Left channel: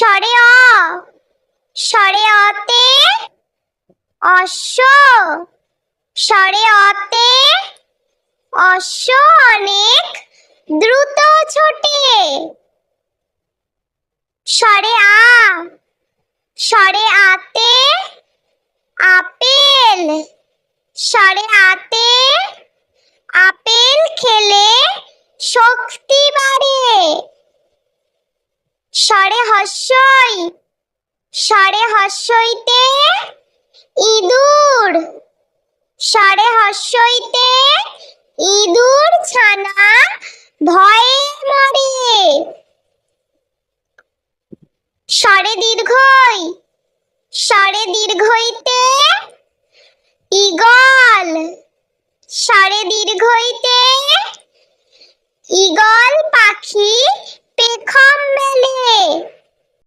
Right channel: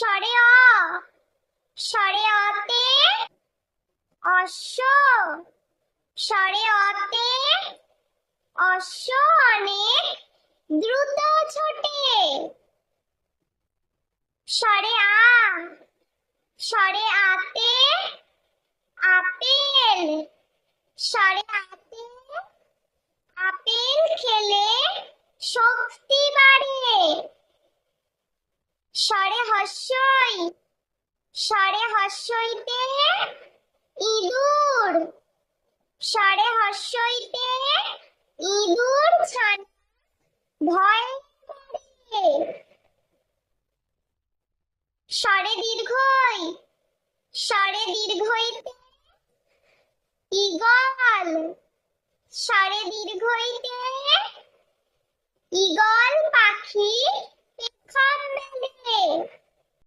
স্বরে অ, স্বরে অতে অশ্ব, স্বরে অতে অশ্ব অনেক দ্রুত ছোটে। স্বরে আ, স্বরে আতে আপেল, স্বরে আতে আপেল খেলে শক্তি বাড়ে। স্বরে হস্যই, স্বরে হস্যইতে ইঁদুর, স্বরে হস্যইতে ইঁদুর ছানা ভয়ে মরে। স্বরে দীর্ঘই, স্বরে দীর্ঘইতে ঈগল, স্বরে দীর্ঘইতে ঈগল পাখি পেখম মেলে।